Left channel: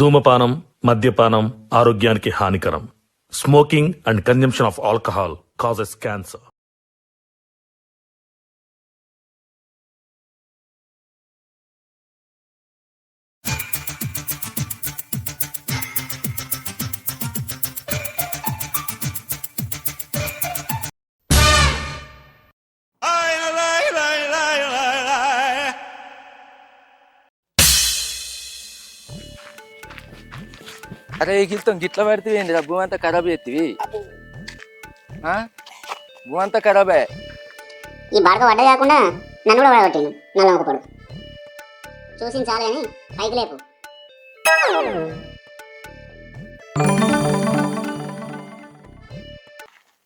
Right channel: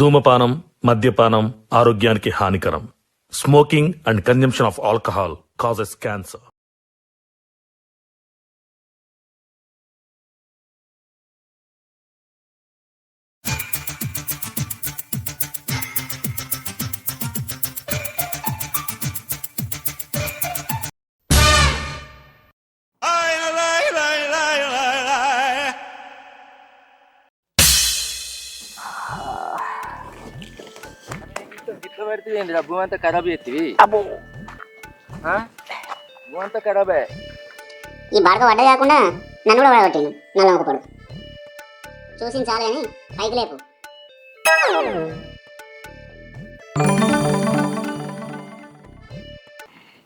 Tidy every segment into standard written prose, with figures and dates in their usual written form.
ధూమపానం, మద్యపానం ఆరోగ్యానికి హానికరం. Smoking and consumption of alcohol causes cancer. అరే గిల్తం గిట్ల పెడితే భూ అంతా ఖరాబ్ అవుతుంది. భూ అంతా ఖరాబే. ఈ బాడక పడ్డ కాకుండా నన్ను కూడా పడగొట్టిండు నల్ల ఒకపడు. చూసి చాలు కానీ పైకి లేపు.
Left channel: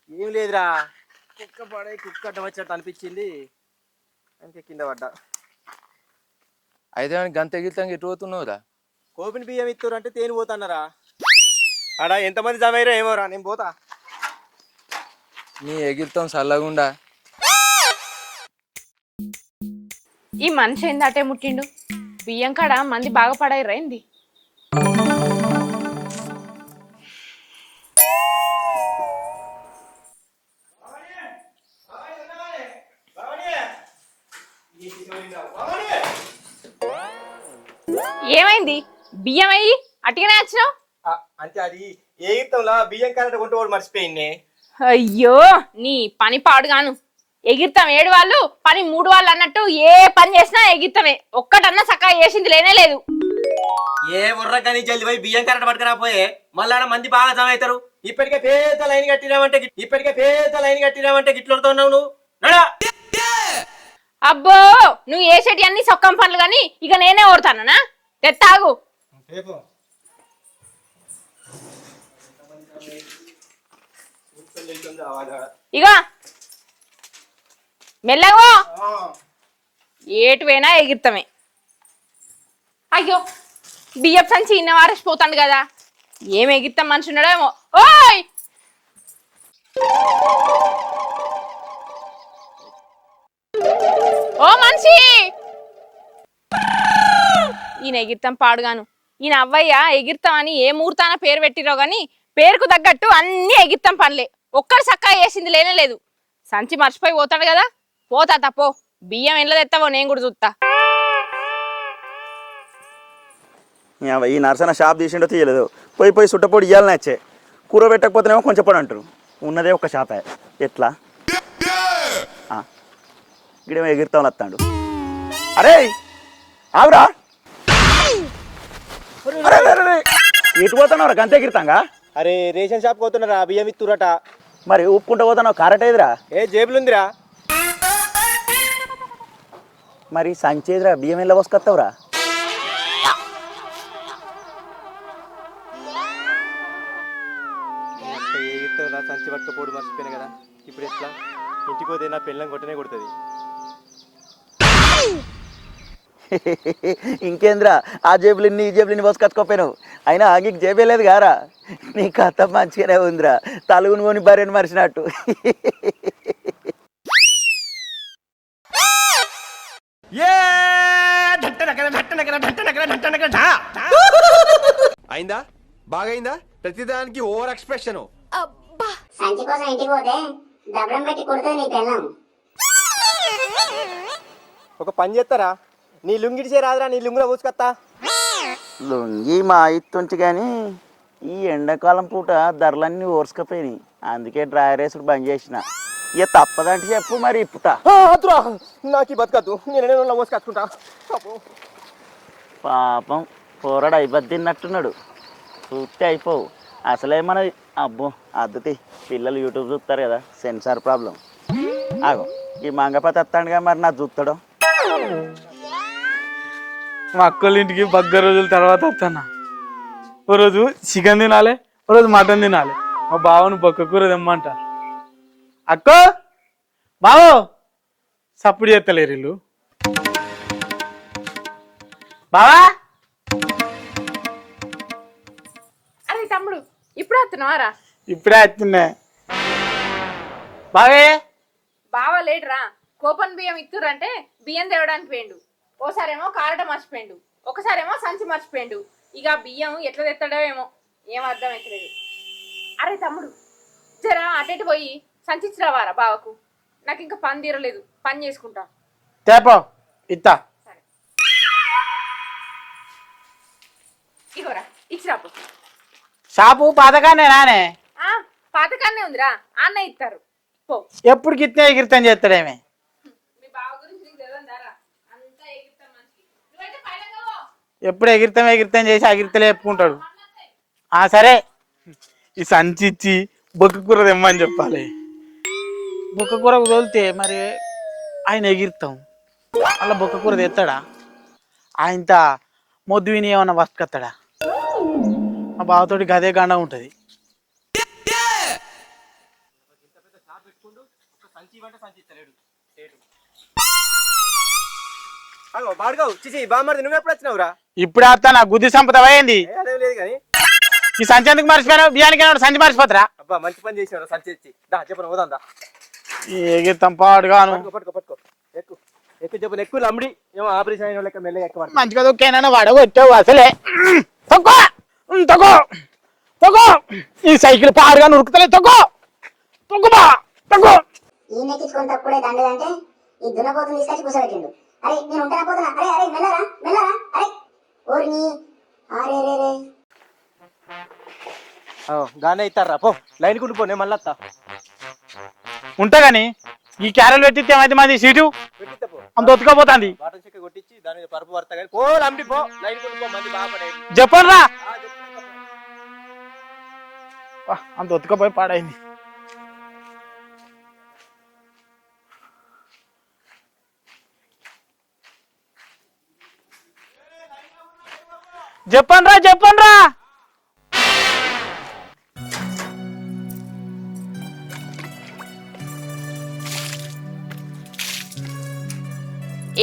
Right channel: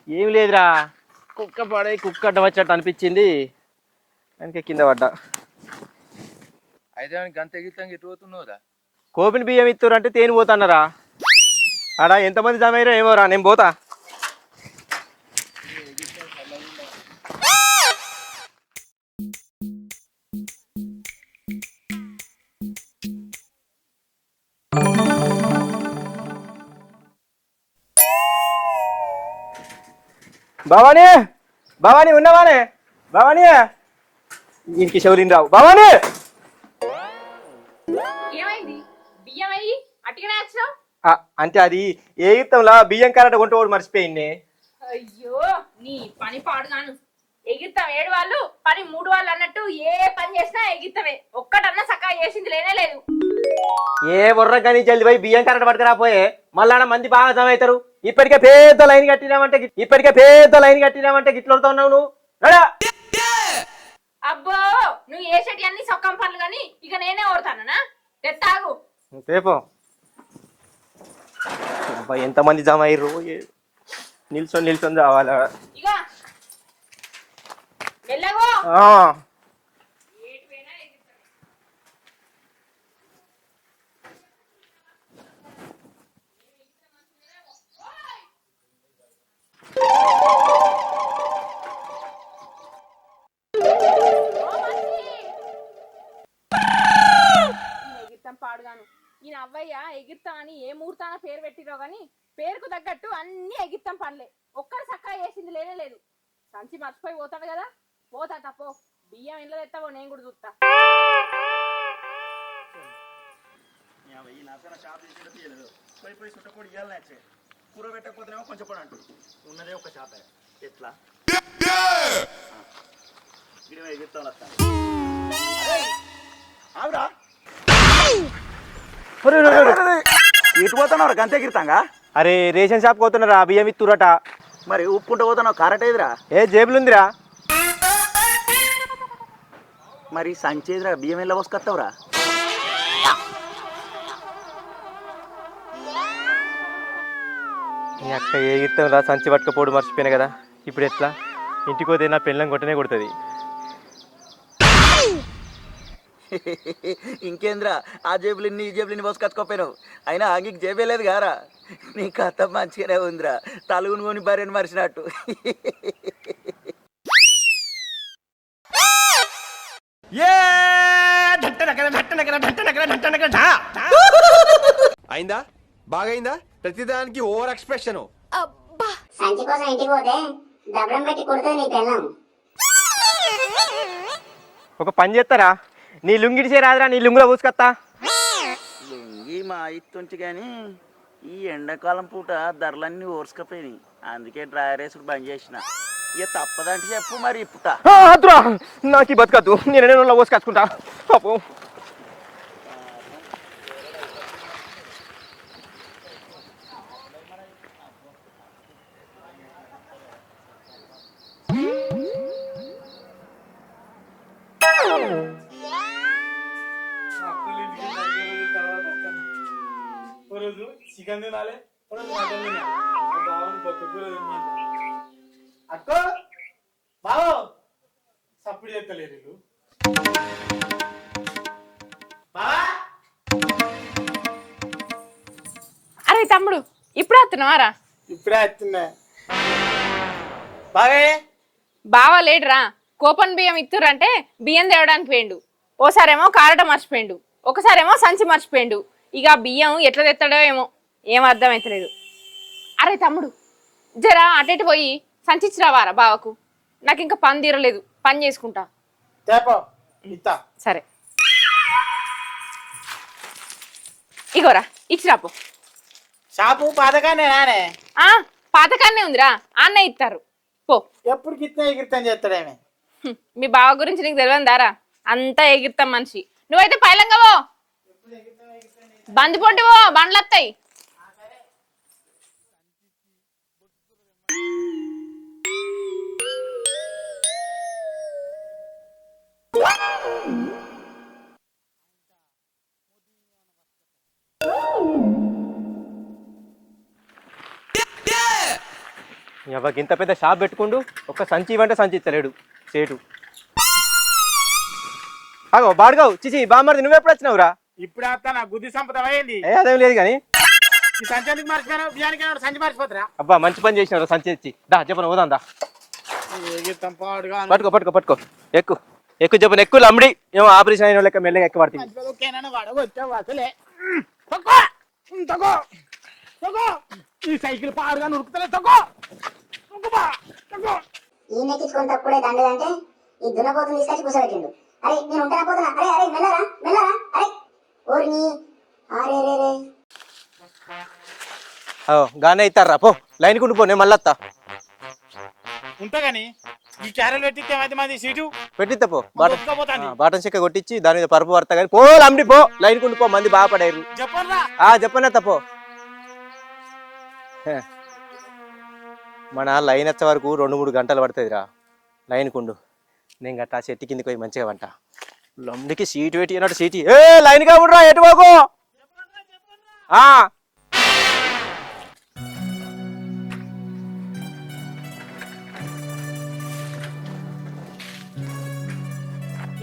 ఏం లేదురా, కుక్క పడే కుక్క అడ్డం వచ్చినట్టు అనిపించింది, అందుకే కింద పడ్డా. అయితే గంత గిల్తం ఎటు పోతున్నావురా? కోపిని బియ్యం ఇస్తారు అంటే తేని పోతాన్నారా? ఆడా ఎంతమంది జమైరా ఏమోరా, నేను పోతా. నీ ఎగిరితం చల్లగుండా. ఈ మనిషి ఏంది అటే ముట్టిండు? బియ్యం కాడ మంది బాగా పడాయిరా ఏంది? భవానీ, భవానీ ఉన్నవానే? భవానీ, ఇంటికి శౌరిని రావు. భవానీ, ఏమైంది? బియ్యం అయ్యి అటుగానే వచ్చినావు? అంటే అది ఏ యుద్ధంలో బియ్యం కరెక్ట్ కొంటోడు మర్చిపోయింది. అయ్యో నీ పని పాడుగాను. ఎగిరితాం ఏడు వాళ్ళు, పని మూడు వాళ్ళు అన్నట్టు ఏ పని చేసినా ఎగిరితమే. ఒక్కటన్నా చక్కగా చేసింది లేనే లేదు. ఏ బుర్ర కానీ జల్ది పోయి బియ్యం కరెక్ట్ పట్టుకురాపోయే, మళ్ళా మంది బాగా జమ అవుతారు. ఇప్పటికే పెద్ద లైన్ కట్టినామంటే గిట్లతో ఉన్నావు నువ్వు. అబ్బో నువ్వు వేసేటి అన్ని సొక్కం పనులు గాని ఇక నేనే ఓడతానా? తెత్తాగు రేపు ఎంతమంది జమ అయ్యారు, నిల్చొని రావాలా? ఇక మెల్లగో, ఏటువైనా ఎగిరితమే. అయ్యో బియ్యం సంచి ఇన్న వారేసిపోతాడు కదా, ఏం ఎగిరితాం మనిషి ఉన్నాడేమో. ఓయ్ ఓ మనిషి, ఈయన ఎగిరితాం పాడుగాను. ఈయన అవ్వయ్య ఎగిరితాం అని ఏ ముహూర్తాన పేరు పెట్టిరో గాని పేరుకు తగ్గట్టు అన్ని ఎగిరితాం పనులే. ఒక్కడు చక్కగా వేసింది లేనే లేదు. సంచి మర్చిపోయి పోతాడు కదా, పోతా తప్పో. బియ్యం ఎండ్ల తెస్తావో నేను కూడా చూస్తా. ఈ నర్సన షాప్ తీసిండో తీయలేదు, పోయి సుట్టపొడి ఇవ్వాలని వచ్చే. కూర పెట్టకపోతేనేమో కొంచెం పొడి అంటారు. ఉన్నదే ఒక షాపే, ఎట్లా ఇక్కడేమో ఎగిరితాం వస్తాడు. అరే ఆవురా, ఇటు పోతున్నావు గంత ఎగిరితాంగా? అరే రేషన్ షాప్ పోతున్నారా, బియ్యం ఇత్తురట. మరి ఊపుకుంటూ పోతున్నావు, కారట్ ఎదురా? ఏ జేబులుందిరా. మరి సంచి ఎదురా, బియ్యం ఎలా పోసుకొస్తావురా? ఏ ఇస్తాం రా, సంచి పట్టుకపోడు మర్చిపోయినా కదా. ఇప్పుడు ఎట్లా? ఇంటికి పోతే నా పెళ్ళం కొట్టనే కొడుతుంది. ఇంకేంద్రా, ఆ జేబులిన్ని ఈ జేబులిన్ని పోసుకొచ్చుకోపోయినావు. అయినా ఆగికి జేబే లేదు గారా. నీ కథ మంచిగానే ఉందిరా, తలుగును కొని భార్యను మరిచినట్టు. అయిందా? బాగైందా? ప్రతిదానికి ఓవర్ ఎక్స్ప్రెషన్. సంచి కోసం ఇంటికి పోతే దబ్బడం పెట్టి కొడుతుంది నీ పెళ్ళం. ఒక పని చేస్తారా, నీ లుంగిడిసే రాదురా, నీ లుంగులో పూసుకొస్తా. లొంగి మా ఇత్తుంచి కానీ ఈ ఎండాకాలం పూట ధరలన్నీ ఓర్చుకపోయినాయి, అందుకే డ్రైవర్ వేసుడు బంద్ చేసిన. ఇక తప్పదంటే చెప్పు, మరి ఇప్పుతా. నాకు బతకద్దు, నేను ఎన్నో పోసుకొచ్చుకుంటా. పాపం పోరాడు అయిపోద్దిన్నట్టున్నాడు. చూస్తే అయిపోవు అసలేమన్నది. అబ్బో అద్దుతి, పిల్లలు యూట్యూబ్ చూస్తారు కదా, సెన్సార్ ప్రాబ్లం. ఆగో ఈ మంగపతి వస్తాడుగా, మరి నా చూస్తాడు. మా అక్కళ్ళ ఇంటికి 10 రోజుల తర్వాత వస్తాను. ఓ రోజు చికెన్ తినాలి, ఓ రోజు మటన్ తినాలి. మా బావను బొక్క కూర తెమ్మంట. అక్కో బావో సప్పుడు చేస్తలేరు ఇల్లు. బావా, అరే తమ్ముడు ఇప్పుడు వస్తున్నావారా? ఇప్పుడే వస్తున్నా. బావే బావ లేడురా, కోపన్ బియ్యం ఇత్తురంటే బియ్యం తేవడానికి పోయిండు. ఓసారేమో కారట మర్చిపోయిండు, ఒకసారేమో సంచి మర్చిపోయిండు. ఇక ఆ బియ్యం ఎట్లా తెస్తాడో ఏమో ఏం అర్థమైతలేదు. అరే తమ్ముడు, జరా అటెటు పోయి సంచిచ్చి రావారా బావకు, నాకు ఇంకా పని తీరలేదు, పని చేసుకుంటా. తేపో ఇత్తా. సరే ఇగోరా ఇచ్చిరాపో. షాపు పాతకానే నానే, పాతకాన్నే ఉందిరా, అన్న ఇస్తారు పో. ఎప్పుడు గిట్టే ఎగిరితం చేస్తాడేమే. మీ బావ గురించి నీకు తెలియదారా, అంతా ఎగిరితాం మనిషి. నువ్వైతే పైలంగావో, ఎప్పుడు ఎగిరితం చేసి బండ్లు వస్తాయి. సరే, ఈ సంచి ఇచ్చి బొక్క కూర తెమ్మని చెప్పాలి. బొక్క కూర తోలితే మరి ఆయన ఎగిరితాం, అలా బొక్క కూర తెస్తాడా? ఆయనత మొద్దు విని ఏమన్నా వస్తుకత్తాడా? మా బావతోటి గదే గండ ఉంటుంది. ఎవరికి ఇంత పెద్ద షాప్ పెట్టుకుంటూ ఒక సంచి ఇవ్వంటే సంచి ఇస్తలేడు సేటు. అగో బాడుగావు చిచి బామ్మది నువ్వెప్పుడు వచ్చినావురా? ఇప్పుడు వస్తా, నా గుద్ది సంపద అయింది. అదేం లేదు కానీ ఈ సంచి ఎందుకు మర్చిపోయాను? బియ్యానికి సంచి మర్చిపోతారా? అబ్బా మంచి పని చేసినారు, సంచి ఇచ్చి. దా చెప్పను పోదాం దా. ఎగిరితాం పాడుగా. పట్టుకో ఎక్కు ఎక్కువ చెప్పను, ఎక్కువ అమ్మిడి ఏమో ఆపరేషన్ అయిన లెక్క మెల్లగా ఎక్కువ పడుతుంది. మంచిగా దొక్కేనా వాడగొచ్చావు అసలే. తొక్కో తొక్కో తొక్కో, ఈ సైకిల్ పాడుగా నురుకుతలే. తొక్కో తొక్కుబా తొక్కో. ఈ నెక్కించుకొని తప్పుడే దండదంటే ఈ దున్నపోతుని తీసుకొచ్చి కూర్చోబెట్టిండు. అరే నేను ఉంటానా పోతున్నా, అరే అరే మెల్లరా అరే ఓర్ని అరే రే రే. గానే ఇస్తారా పో, లైన్ కుంటూ పో, నేను మళ్ళీ వస్తా. ఉంటా గాని ఈ క్యారెల్ పెట్టితే ఏమైతే మాది సీటు పెట్టిస్తా పో. దొత్తుకపోతాంది. బాటన్ చెక్క కొట్టించి దాని మీద పరుపు పడతా కానీ పో, అమ్మిడి పో, లైన్ కుంటూ పో, మంది బాగుపడారు. చెప్పరా చెప్పనా తప్పో. అంత దొత్తుకపోయి పాడైంది. మన లైన్ వచ్చే వరకు 2-3 గంటలు పడుతుందిరా. లైన్ కుండు నేను గట్టా చెట్టు కిందికి పోయి మంచిగా వంట లమ్మిడికి సీటు పెట్టి అన్నట్టు సీటు లైన్ గా ఉండరా, ఎటు బాగు చెప్పండ్రా.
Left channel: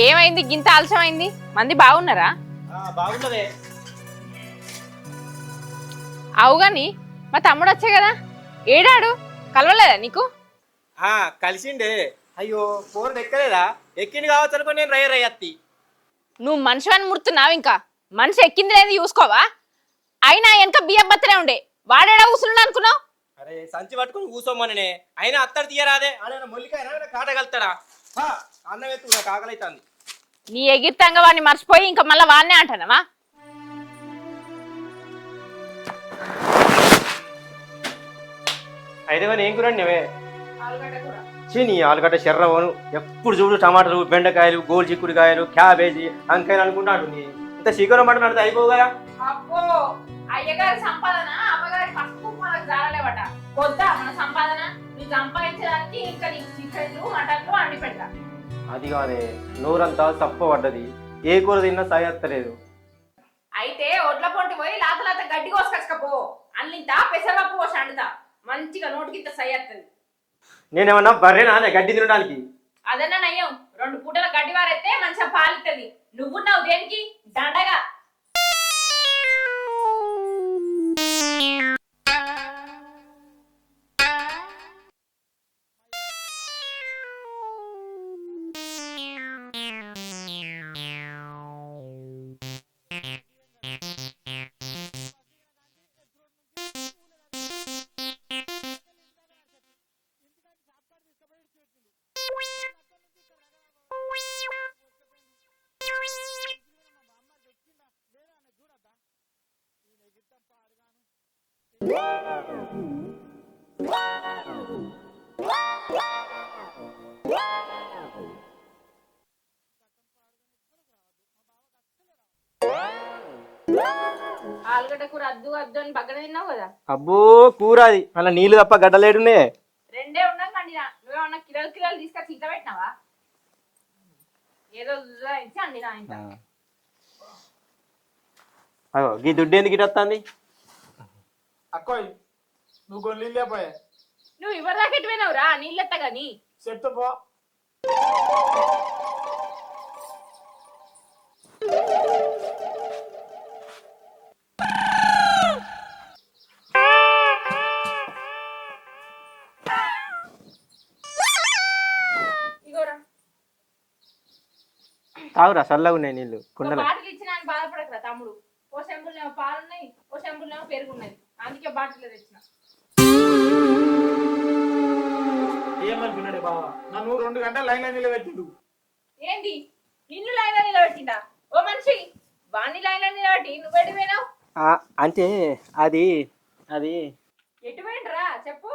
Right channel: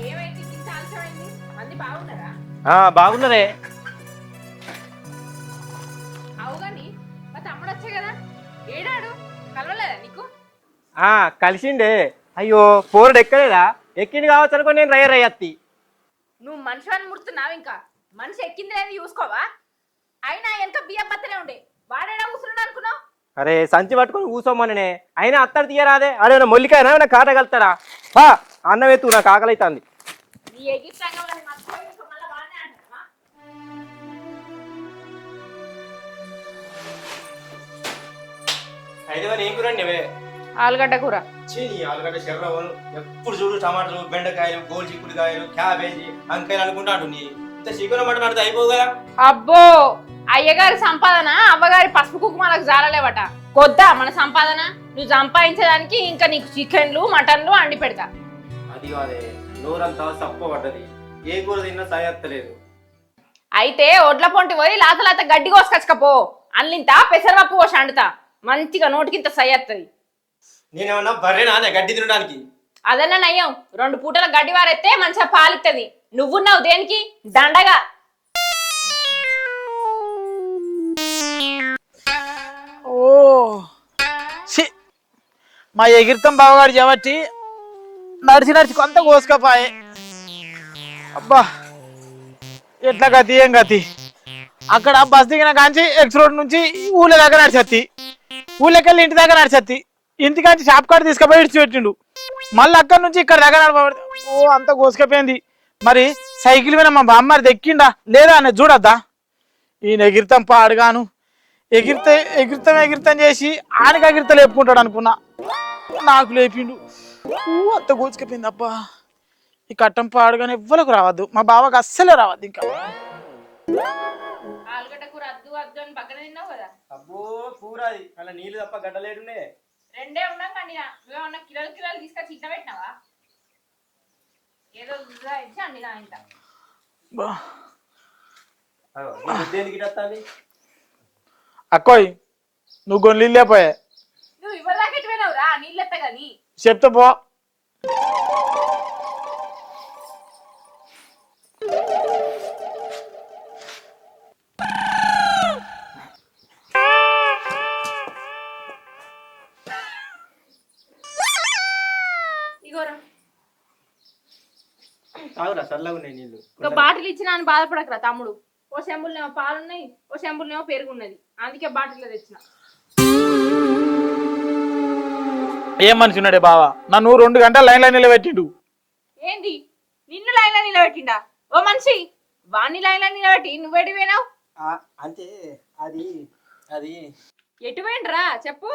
ఏమైంది గింత ఆలస్యమైంది? మంది బాగున్నారా? బాగున్నదే. అవుగాని మా తమ్ముడు వచ్చే కదా, ఏడాడు కలవలేదా నీకు? కలిసిండే. అయ్యో పోరుడు ఎక్కలేదా? ఎక్కింది కావచ్చు అనుకో, నేను రయ్యత్తి. నువ్వు మనిషి అని ముడుతున్నావు, ఇంకా మనిషి ఎక్కింది లేదు చూసుకోవా? అయినా వెనక బియ్యం బత్తనే ఉండే, వాడేడా కూసున్నాడు అనుకున్నావు? అరే సంచి పట్టుకొని కూసోమనే, అయినా అత్తడు తీయరాదే. అడే మొల్లికాయనా నా కాట కలుతాడా? అన్నం ఎత్తు, నాకు ఆకలి అవుతుంది. నీ ఎగిరితంగా వాడిని మర్చిపోయి ఇంకా మళ్ళీ వాడినే అంటానవా? అయితే ఏం కూరండి నువ్వే? ఆలుగడ్డ కూర. నీ ఆలుగడ్డ శర్రవను, ఎప్పుడు చూడు టమాటాలు, బెండకాయలు, గోల్ చిక్కుడుకాయలు, క్యాబేజీ, వంకాయలు అనుకుంటా అంటుంది. ఇంత శీఘ్రం మాట నడితే అయిపో కదా. అబ్బో, అయ్యగారి సంపాదన అవ్వగారి పసుపు కుక్కుమలకు జారలేవట. కొద్దా మన సంపాదన? నువ్వు సంపాదించేదానికి ఇంకా నీకు చికెన్లు మటన్లు అండి పెడతా. అది కాదే, నోరంతా తప్పబడ్డది, ఏ కూర తిన్నా సాయత్తలేదు. అయితే ఒడ్ల పొంటి పోయి లాత గడ్డి కోసుకొచ్చుకపో, అల్లింత పెసరపప్పు కోసి అండుతా, మంచిగా నోటికింత సయ్యత్తది. నేనేమన్నా బర్రెనా అదే గడ్డి తినడానికి? అదన్నా నయ్యం, 2 పూటల గడ్డి వారైతే మంచిగా పాలిత్తది. నువ్వున్నావు దేనికి దండగా? మా ఎగిరితం బావగాడు కాబట్టి నడిచి కొంత కోసుకపోయే. అబ్బా ఎట్లా గతి ఏం గతి. అక్కడ బస్ దిగిన కాంచి ఎక్స్ రోడ్ నుంచి ఊళ్ళో దగ్గర నడిచేత్తి, ఊళ్ళకెళ్ళి ఇంటి దగ్గర నడిచేత్తి, ఇంటికాంచి షాప్ కాడ తీసుకుపోయి ఇడిచిపెట్టిండు. మళ్ళీ అక్కడి నుంచి ఇక్కడ దగ్గర నడపబడి అంతా కోసుకపోయింది. మరి సైకిల్ మీద మా బామ్మారి దెక్కిండా లేదా అని చూడద్దా? ఈయన ఎగిరితం పాడుగాను, ఎగిరితం చేసి ఆయనకి ఎగిరిత లేపుకుంటాడు అనుకున్నా, నాకు లేపిండు. అంత కోసుకపోయింది. అబ్బా ఈ కట్టం పాడుగానే ఎవ్వరకు రావద్దు, మా బావకు అస్సలే రావద్దు. ఇంకా ఆలుగడ్డ కూర అద్దు అద్దు అని పక్కన తిన్నావు కదా. అబ్బో కూర అది, అలా నీళ్ళు తప్ప గడ్డలేడునే. రెండే ఉన్నాం కానీ నువ్వేమన్నా కిలోలు తీసుకొచ్చి ఇట్లా పెట్టినావా? ఏదో అండి నా ఇంట్లో. అయ్యో ఈ దుడ్డు ఎందుకు ఇటు వస్తుంది? అక్కోయ్ నువ్వు కొన్ని నీళ్ళు లేపోయా. నువ్వు ఇవ్వదాకా ఎటు పోయినావురా నీళ్ళు ఎత్తా గాని? చెప్తా పో. తాగురా చల్లగా ఉన్నాయి నీళ్ళు. బాటిల్ ఇచ్చినా అని బాధపడకరా తమ్ముడు, ఓ చెంబులనేమో పాలున్నాయి, ఓ చెంబులనేమో పెరుగున్నది. అందుకే బాటిల్లో తెచ్చిన. ఏం మనిషి ఉన్నాడే బావ, నన్ను 2 గంటలు లైన్లో నిలబెట్టిండు. ఏంది నిన్ను లైన్లో నిలబెట్టిండా? ఓ మనిషి, వాణ్ణి లైన్లో నిలబెట్టి నువ్వెడి పోయినావు? అంటే అది అది ఎటు పోయిండ్రా చెప్పు.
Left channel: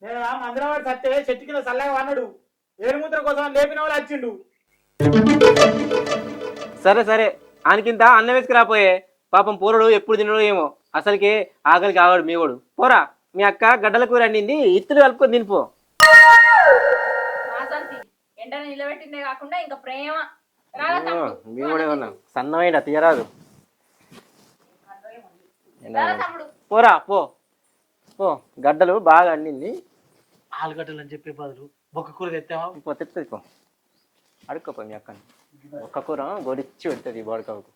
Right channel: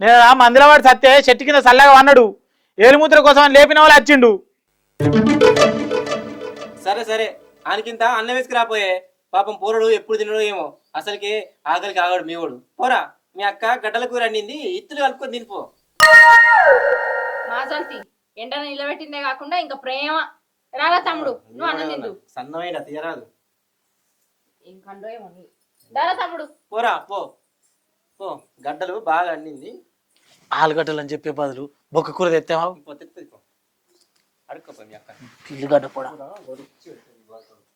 నేను ఆ మందిలో వాడు సత్తే చెట్టు కింద చల్లగా అన్నాడు. ఏలుముద్ర కోసం అని లేపిన వాళ్ళు వచ్చిండు. సరే సరే ఆయనకింత అన్నం వేసుకురాపోయే. పాపం పోరడు ఎప్పుడు తినడో ఏమో, అసలుకి ఆకలికి ఆగాడు మీవాడు. పోరా, మీ అక్క గడ్డల కూర అండింది, ఇత్తులు కలుపుకొని తినిపో. నా సంతి ఎండన నిలబెట్టిందే కాకుండా ఇంకా ప్రేమ రాగా తమ్ముడు. నువ్వు అన్నం తిందు. సన్నమైన తీయరాదు. ఏం పండో ఏమో నీ. రాగా తమ్ముడు. పోరా పో పో, గడ్డలు బాగా అండింది. ఆలుగడ్డలు అని చెప్పే బదులు బొక్క కూర తెస్తావా? తెత్తది పో, అడుక్కోపో మీ అక్క. ఇల్లుగడ్డ కూర గొడిచ్చి పెడుతుంది బోడకవుకు.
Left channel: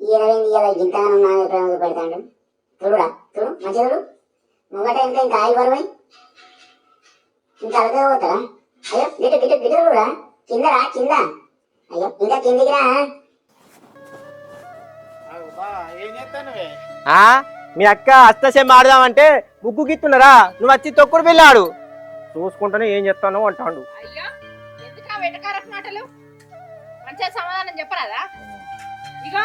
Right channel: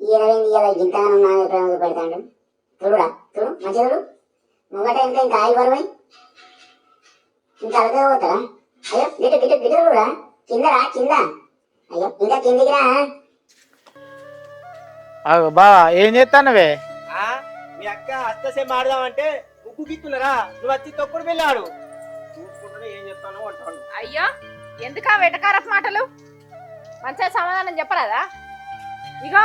ఇలా గింతగానం నా ప్రేమ పెడతాడు. చూడురా చూడు, మంచిగా చూడు. ముంగట ఇంకా ఆయి బరువై ఇంకా అలగా పోతారా? అయ్యో గిట్టు గిట్టు గిట్టు చూడురా, కిందరా కింద. అయ్యో ఇంకా కిందికి రా. బావా ఏం చేస్తానవే? మీ అక్క అష్టసేమ ఆడదామంటే ముగ్గు గిత్తున్నారా, నువ్వు వచ్చి తొక్కుడు వెళ్ళాడు. చూసుకుంటానే ఏం చెప్తాను అంటాడు. అయ్యో ఎందుకా వెటకారపు మాటలు? మంచిగా సమాధానం చెప్పరాదా? ఇగో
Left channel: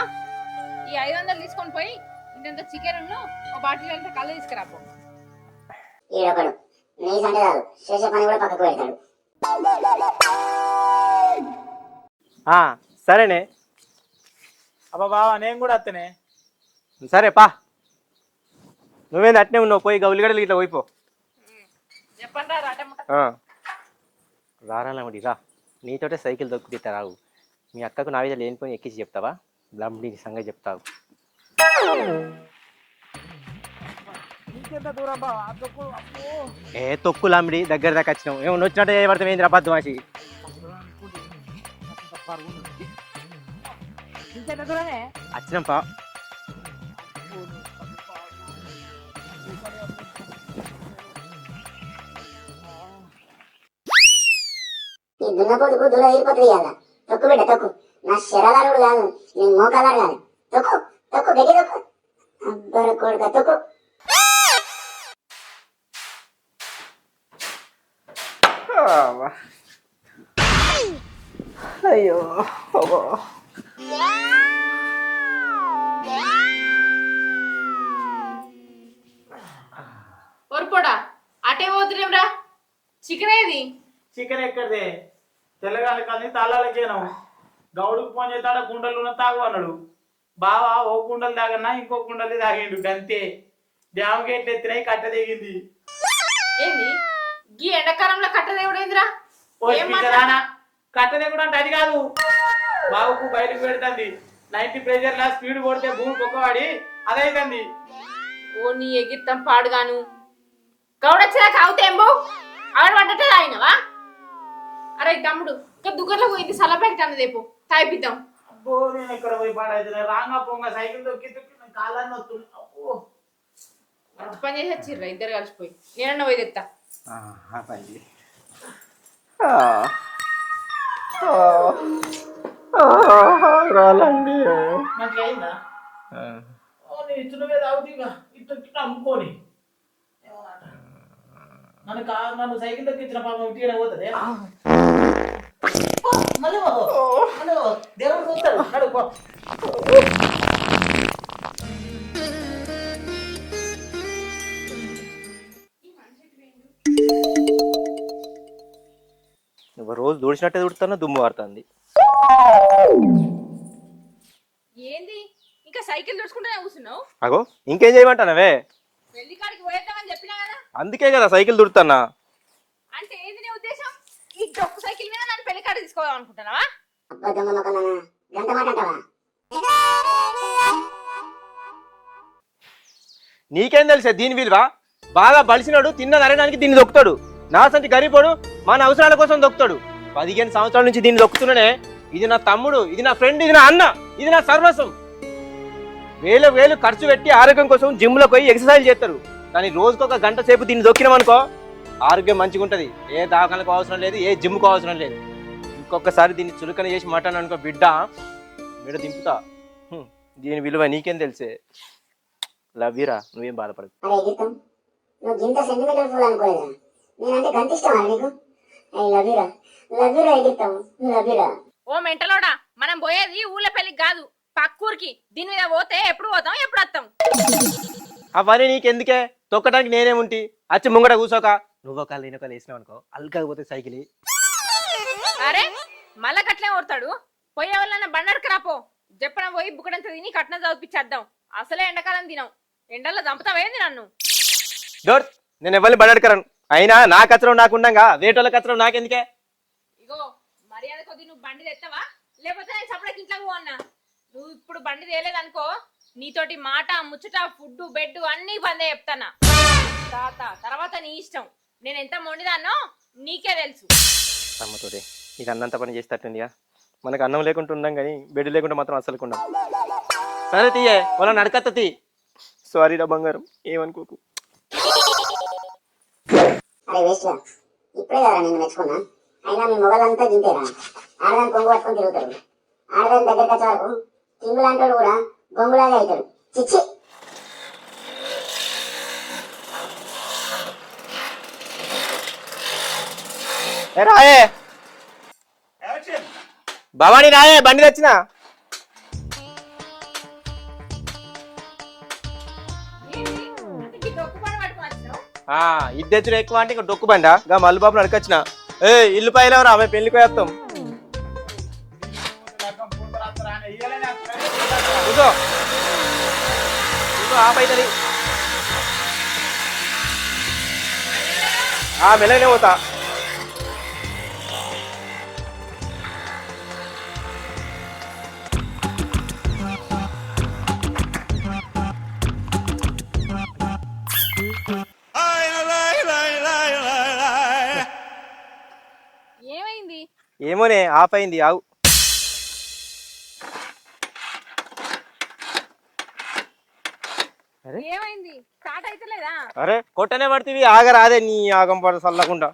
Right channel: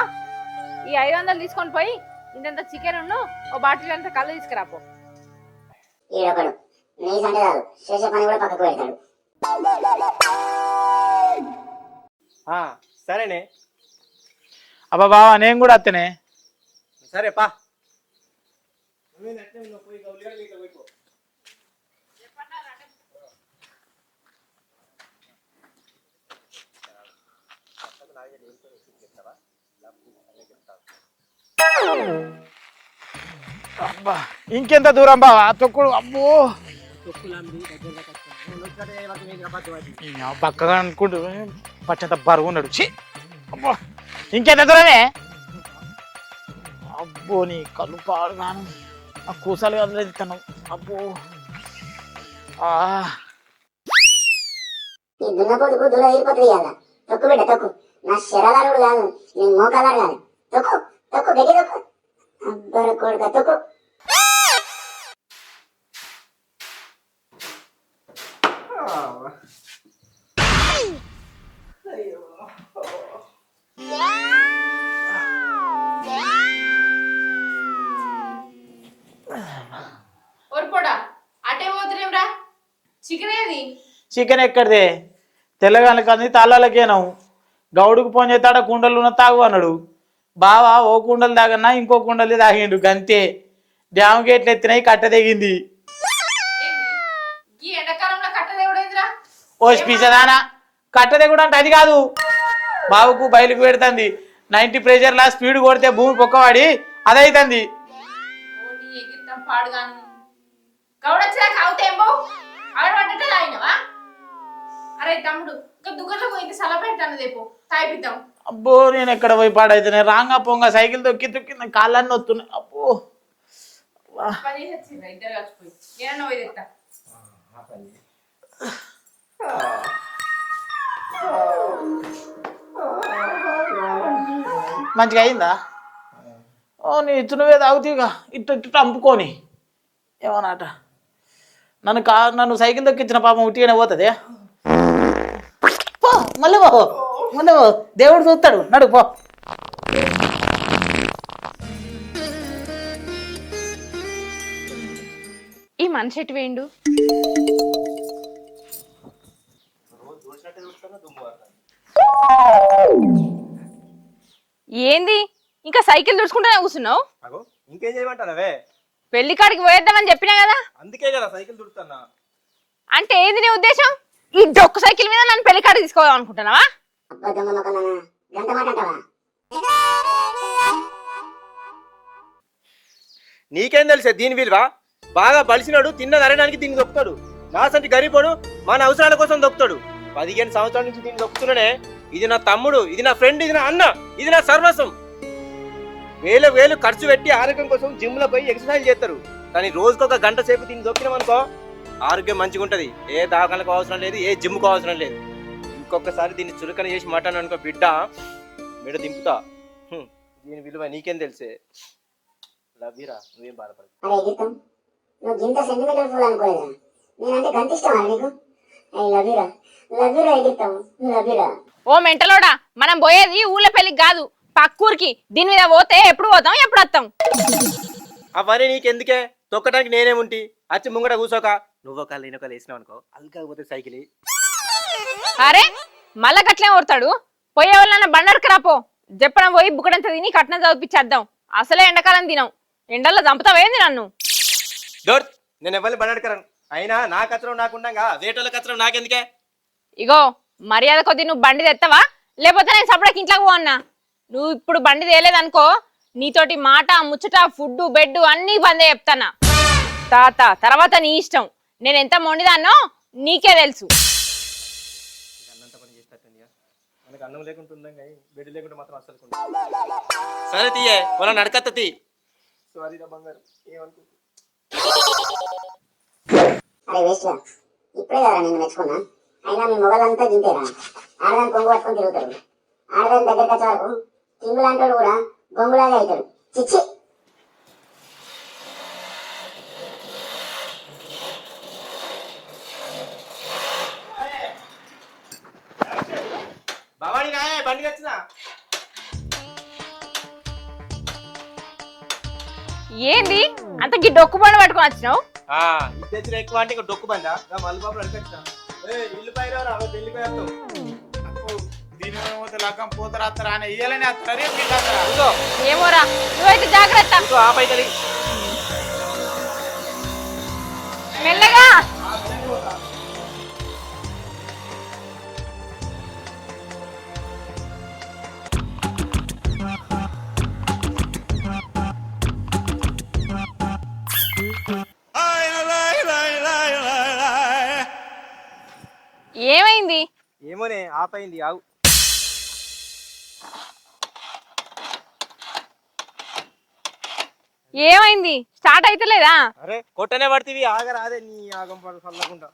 ఈ 500 తీసుకొని పోయి ఇంత చికెన్ ఉన్ను ఓ బాటిల్ అంతా కళ్ళు తీసుకురాపో. ఈడొకడు నీ సంటే కాదు, చేసే పని కూడా పక్కకు పెడతాడు. సరేనే. అబ్బా బావా నేను కూడా అత్తనే. సరే పా, నువ్వేంది అట్నే ఉన్నావు, పోయి గౌలిగడలు ఇట్లా పోయిపో. చెప్పండి రా రాటముట. రారాలమ్మడి రా, నీతోటే సైకిల్ దొక్కుతా రావు. మీ అక్కకు నా మీద లేనిపోయి ఎక్కించి చెప్తావా? బ్లమ్డి సంగతి చెప్తావు. అబ్బా ఇంకెంత దూరం బావా తొక్కుడు? అబ్బో తొక్కు లంబడి దగ్గర దాకా వచ్చినావు. ఏమన్నా వచ్చినట్టు చేయబడతాం ఏంది అబద్ధం మాసి. పక్కగా అనుకుంటూ పచ్చంత బరువు ఉన్నాడు. అబ్బో ఇంకెంత దూరమే వచ్చినాం పా. అబ్బో నీ కళ్ళు పాడు నాను, ఆ కూసాలు వదిలేస్తాను. అబ్బో ఈ దున్నపోతుకు దున్న తీరిపోతుంది కదా. తొక్కు బిడ్డ తొక్కు, నా శరదారుడు కాదు, నేను మోకాదారు కాదు. తొక్కు తొక్కు గట్టి తొక్కు, అబ్బర కొడుక తొక్కు. అయ్యో ఒరుపోడా అటే పోతురేమ్రా? చికెన్ ఏది? చికెన్ ఎక్కడిదే? తెల్లగాని కానీ తాళ్ళకేనావు. గౌడుకు ఫోన్ చేస్తాడ కుండలు ఉన్న తాగు అన్నాడు. బావా ఓ కుండలు తాగన్నా ఇంకో కుండలు తాగిండు గంతే. డ్యామ్ గేట్లు ఎత్తినాయి, కట్ట తెగింది. ఏంది ఈ ఎండాకాలంలో కట్టదేవుడేంద్రా? ఓ స్పీచదానా, కట్ట తెగుడు అంటే అది కాదు. బావుకు బయలుకు పెడుతుంది. 90 ప్రెషర్లా స్పీడ్ కొడితే భూమి పొక్కవాడి అదైతుంది. ఓ నీ ఎగిరితం పాడుగాను. గౌడొచ్చినాక అవుతేంబో ఆడ వంటటే తాగినవా? అరే తమ్ముడు ఇంకా దుగ్గట్లో పోయింది, సలపెట్టానదేపో తాయిపిద్దాం. అబ్బో నేను ఎక్కడ పోయి పాడైతే రాంగా పొంగ సైకిల్ తొక్కి తొక్కి కాళ్ళన్నీ వస్తున్నాయి. అబ్బో పని చేసి వచ్చిర్రా ఇద్దరు కలిసిపోయి. నేనన్నా పోయి తెస్తా. మంచిగా అయిందా? ఓ నీ ఇచ్చు నువ్వే తాగుతీగా, ఇటు ఇటు అంపుకొని ఏమన్నాట. నన్ను సైకిల్ దొక్కించిన పాపం ఉట్టిగానే పోతుంది. మళ్ళీ మళ్ళీ దేవుడు చూస్తాడు, నడు పో. ఈ మనిషి ఎటు వేయండు? నువ్వు రోజు దూడిచినట్టే దూడుతున్నా, దుమ్ము పడుతుంది. ఏంది ఇంకా సైకిల్ దుడుచుకుంటూనే కూర్చున్నావు? అగో ఇంకేం చేయమంటానవే? పెళ్లి కాడికి పోయేద్దామని చెప్పినా కదా. అందుకే కదా సైకిల్ దుడుతున్నా. అంటే ఏంది నీ ఉద్దేశం? ఈ డొక్కు సైకిల్ మీద నన్ను పెళ్లి కాడికి తీసుకోదాం అనుకుంటున్నావా? అబ్బా దొంగ మొక్కనా, గంట మాట అంటావా? నీకేం తెలుసా దీని విలువ? బాగా బలిసినాడు, తిన్న నరడానికి దీన్ని దొక్కుతాడు. నా సంటి గరీబోడు మన అవసరాల కోసం దొక్కుతాడు. 15 సంవత్సరాల నుంచి దీన్ని దొక్కుతున్నానే. ఇది నా తమ్ముడు, ఇది నా ఫ్రెండ్, ఇది నా అన్న, ఇది నా సర్వస్వం. వేలు ఖర్చు పెట్టి ఆరోగ్యం కోసం జిమ్ లో పోయి ఎక్సర్సైజ్ చేస్తారు. కానీ రోజుకొక గంట సేపు దీన్ని దొక్కినామనుకో ఆరోగ్యం మంచిగా ఉంటుంది. ఏ దాఖలకు అవసరం లేదు, ఏ జిమ్కు అవసరం లేదు. ఇంకొకసారి దీన్ని చులకన చేసి మాట్లాడాను అనుకో బిడ్డ, ఇటు దింపుతా దీని విలువ నీకేం తెలిసే లవ్యరా నువ్వేం బాధపడదు అరే ఎగిరితం నువ్వు గింత సెంటిమీటర్ ఫుల్ అనుకోలేదా నేనంటే గంత ఇష్టమా నీకు ఐ లవ్ యూరా ఎగిరితం లవ్ యూరా. ఓ మెంటలోడా, మనం పోయేది ఊళ్ళో పెళ్లికి కాదు పక్కూరికి. దీని మీద పోతే ఎప్పుడు పోతాం ఎప్పుడు వస్తాం? అవన్నీ నీకెందుకే, తొక్కడానికి నేనేముంటి వచ్చి ముంగట కూర్చోక నువ్వు ఒకళ్ళు నేను ఒకళ్ళు వేసినావు అనుకో అల్కాకపోతే సైకిల్. అరే మళ్ళా గట్లే ఓడతాడు. పోయే వాళ్ళ బండర్కి రాపో, చెప్పడం పోయి బుక్కడంత తిని కట్నం చదివిపించేద్దాం. అసలే ఎండాకాలం తినం, ఎండల్లో చంపుతావేంది నన్ను? డోర్ నేను ఎవరిని బడకరాను, అయినా నా కచ్చరం నాకుండగా వేటోళ్ళ కచ్చరం నాకెందుకే? ఇగో మర్యాద కొద్ది నువ్వు బండి తెస్తావా, లేకపోతే నేను సపడకి ఇంట్లోకి పో అన్నా. నువ్వు ఇప్పుడు బండి తేలేదనుకో, నీతోటి మాట ముచ్చట ఫుడ్ బెడ్ అన్నీ బందే చెప్తానా. తాత తర్వాత నీ ఇష్టం, నేను ఎంత మొండిదాన్నో నీకే తెలుసు. అమ్మతోటి నీకు అన్నంత పని చేసేటట్టుందిగా, మనకు అన్నం లేకుండా ఉండం కానీ బెడ్ లేకుండా మాత్రం అసలు కొండ. సరే తీయే వాళ్ళ నడకత్త తీ. సారీ రా బంగారం, ఏమనుకోకు. అరే వేస్ట్రా, ఇప్పుడే కదా నేను మెచ్చుకున్నా. అయినా మీ మొగలంతా గింతేరా, ఆడదాన్ని కొంగు పట్టుకొని తిరుగుతారు. ఆడదాని దగ్గరికి వచ్చే వరకు కింగు లాంటి వాడు కూడా బొంగులాగా అవుతాడు. చిచ్చి. రాయే భవానీ రాయే, బండి తెచ్చినా. ఏంది అంత గి డొక్కు బండి పట్టుకొని వచ్చినావు? ఇద్దెచ్చిన ఎక్కువ అంటే ఇంకా డొక్కు బండా గా మల్లు బాబు నడకొచ్చిన. ఏ ఇల్లు పైలవరా, ఆమె పెళ్లికి పోయేస్తాం. ఏమోరా, నువ్వైతే జాగ్రత్త. మెల్లగా. మెల్లనే పోతా. ఏమైంది? ఏమోనే ఆఫ్ అయింది, ఆవు. ఏమైంది? స్టార్ట్ అయితలేదా? అరే కొట్టనే పడుతుంది, ఆగరాదే నీ ఆగం పడ చల్లకుండా.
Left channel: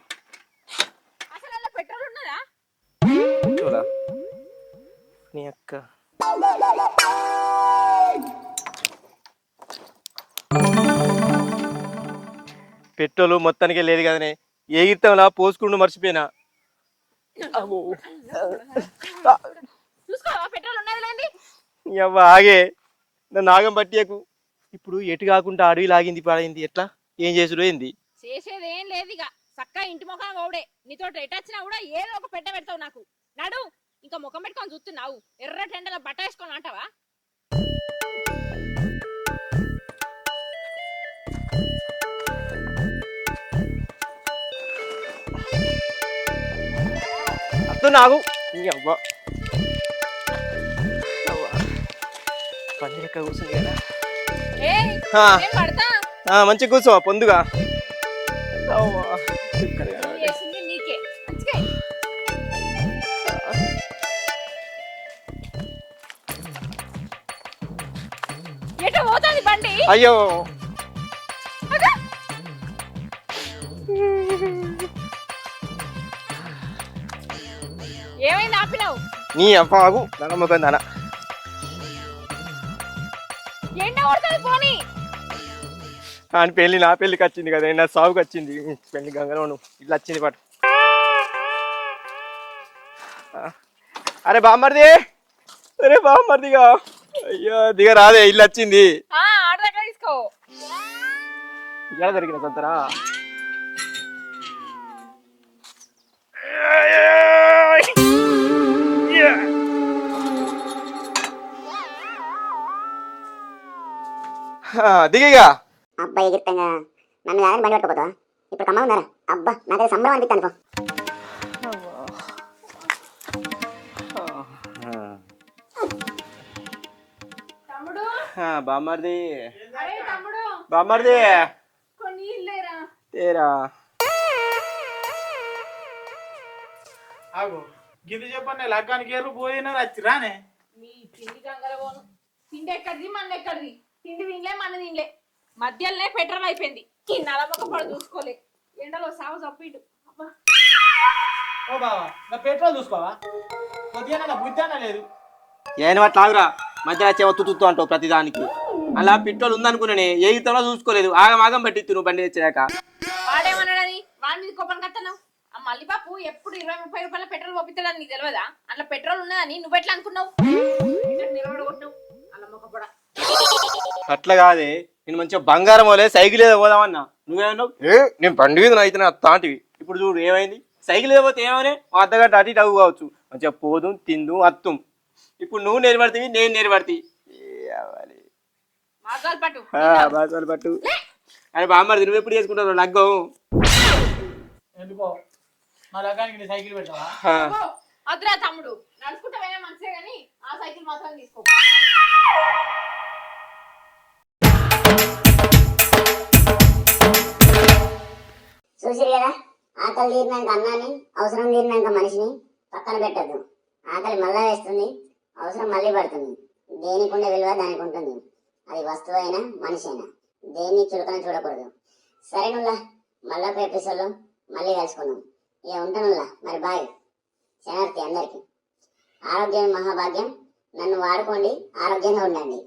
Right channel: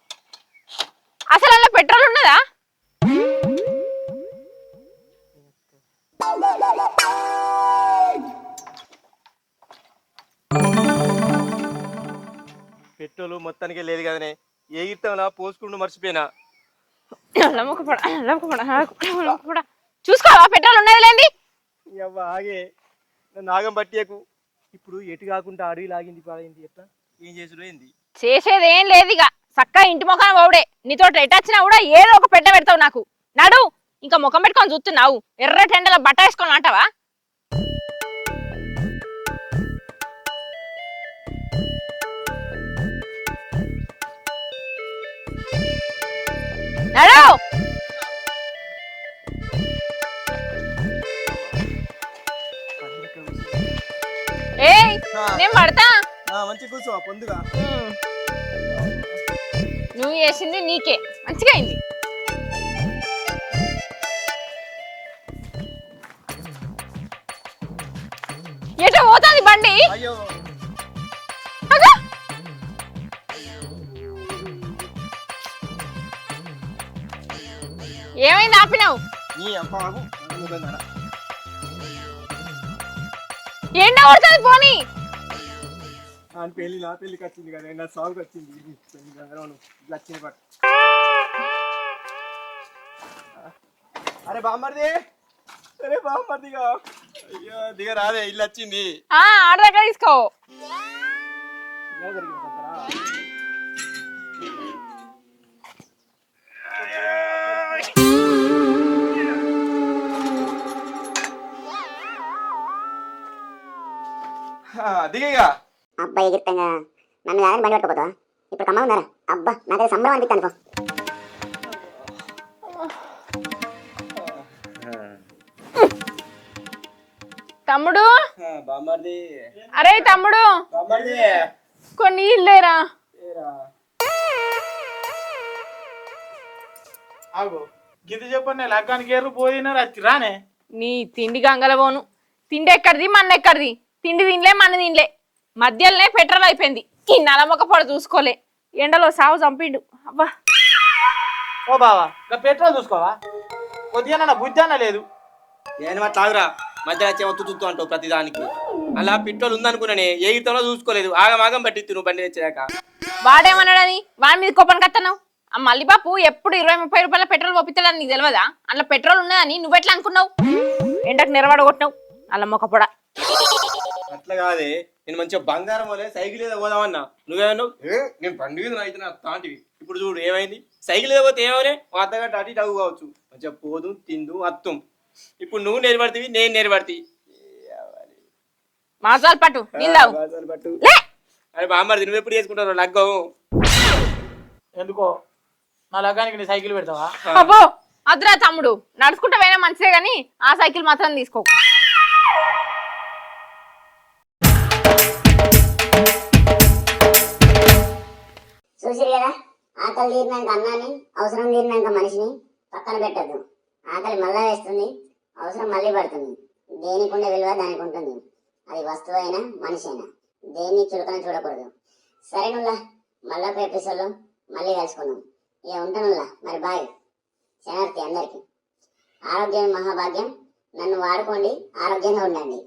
అసలు అలా పెట్రోల్ ఉన్నదా? నీ అక్క పెట్రోలు మొత్తానికే లేదు కదనే, ఏ ఇర్తంలా పోసుకుంటూ మర్చిపోయినా. చూసుకోవా పెట్రోల్ ఉన్నది లేండి. అవ్వ ఆగే, నన్ను ఆగం పట్టియకు. ఇప్పుడు ఎటు కాకుండా అడవి లాగింది పడైంది, ఎట్లా ఏం చేసుడు ఏంది? చేసేది ఏం లేదు ఇక, చక్కగా ఇంటి ముఖం పోవుడే. నీతో ఎట్టొచ్చినా కూడా ఏదో ఒక పెట్ట పెడతావు నాకు. నడు, ఇంకా ముఖం పెట్టుకొని చూస్తున్నావు, ఎర్ర టెండలో బట్ట వేసుకొని అంటావా? నడు. అత్తు నాకు అవ్వ ఏయ్, నేను పడతా. మంచిగా కూర్చో పొందుగా. నువ్వు చేసింది నీకే మంచిగా అయింది. ఎటో పోతుంది బండి. అయ్యో అగా. ఏమైంది ఆపినావు? నీ అవ్వ ఆగు, నమ్మకం దానా. ఎండ కొడుతుంది పోనీ. అని పెళ్లి నా పెళ్లికి వచ్చింది కదా, నా సాగుకి వచ్చింది పెళ్లి గంగలోను ఇట్లా వచ్చింది పాటు. అరే బామ్మర్ది, అరే బామ్మర్దిగా, అయ్యో దిగ రాదే, ఇల్లు వచ్చింది. ఆడ దగ్గర తీసుకో. ఇక్కడ దొరికిన సంతరా. దిగిగా. అబ్బా ఎగిరితంగా నన్ను కాదని బండి పట్టుకోపోతావా? ఇప్పుడు కమ్మ ఉందారా? అబ్బా నాకైతే సంబరం అనిపిస్తాను. తమ్ముడు, బామ్మర్ది, అరే తమ్ముడు, బామ్మర్ది కొన్ని ఇల్లేరా. ఏరా గిద్ద చెప్పండి, లగ్గానికి ఏరు పోయినారు రానే. నీ తిండి గంగల పోను. తిండి ఎక్కడిది మన్న ఎక్కడిది? తిండి తినలే మన తినలే, మధ్యలోనే పెట్రోల్ అయిపోయింది. ఈ నలమొక్క పొడ చూసుకోలే, ఎండలో సాగు చంపిండు. అబ్బా ఓ బావా, పెట్రోల్ చూసుకోవా? కొద్దిగా బుద్ధి అన్న లేదు. ఏం తాగురా మంచిగా చెవత్తుతూ అంటావు ప్రతిదానికి. అలా పెట్రోల్ ఉందనుకున్నానే ఏ ఇతనో చూసుకోలేదు, ఆగం పట్టిత్తు నువ్వు బండి తెచ్చాక. వాడేమన్నాడని వాడి మీద కోపం కత్తన్నావు? ఆ మల్లిబాపు ఎప్పుడు 20-30 రూపాయల పెట్రోల్ పంపిస్తాడని నీకు తెలియదా? అందులో పెట్రోల్ ఉన్నదని నువ్వెట్లా అనుకున్నావు? ఎండకు నిలబడగొట్టినావు అల్ల మొక్కపొడ. అట్లా కాదే, నేను మంచిగా బంగారం పోలే సైకిల్ ఏదో పోదామన్నా, నువ్వేమన్నావు నేను బండి మీద అయితే నా తాంటివి. ఇప్పుడు చూడు ఏమైంది, సైకిల్ ఏదో పోతే ఏమనే మా అత్తగట్టు అటు ఇటు అవ్వు కావచ్చు, మంచిగా పోదు తిందు అత్తుం. ఇప్పుడు నువ్వు నేర్పడుతుంది నేను నేర్పడుతుంది మాసాలు పట్టు పట్టు. అరే బామ్మది నువ్వు ఎప్పుడు చేసుకుంటావు లగ్గం? ఎందుకో నా లగ్గానికి నీ సైకిల్ పెడతావా? అబ్బో అద్దురా తమ్ముడు, నడుచుకుంటా పోయినా మంచిదే గాని ఆ సైకిల్ మాత్రం తీసుకో. చూసిరు కదా, ఆకలి తీరినాక అన్నాన్ని, అవసరం తీరినాక మనిషిని పక్కన పెట్టద్దు. ఆకలి మళ్ళా వేస్తుంది, అవసరం మళ్ళీ పడుతుంది. దేనికి ఉండే విలువ దానికి ఉంటుంది, అది వస్తువు అయినా మనిషి అయినా. దేన్ని చులకన చూడకూడదు. సరే నుల్లా, మళ్ళా ఎపిసోడ్లో మళ్ళీ కలుసుకుందాం. ఇక ఉంటానుల్లా, మరి బాయ్. శనార్థి అందరికి ఆరోగ్యం మహాభాగ్యం. నన్ను వాడుకోండి, ఆరోగ్యంగా ఉండండి.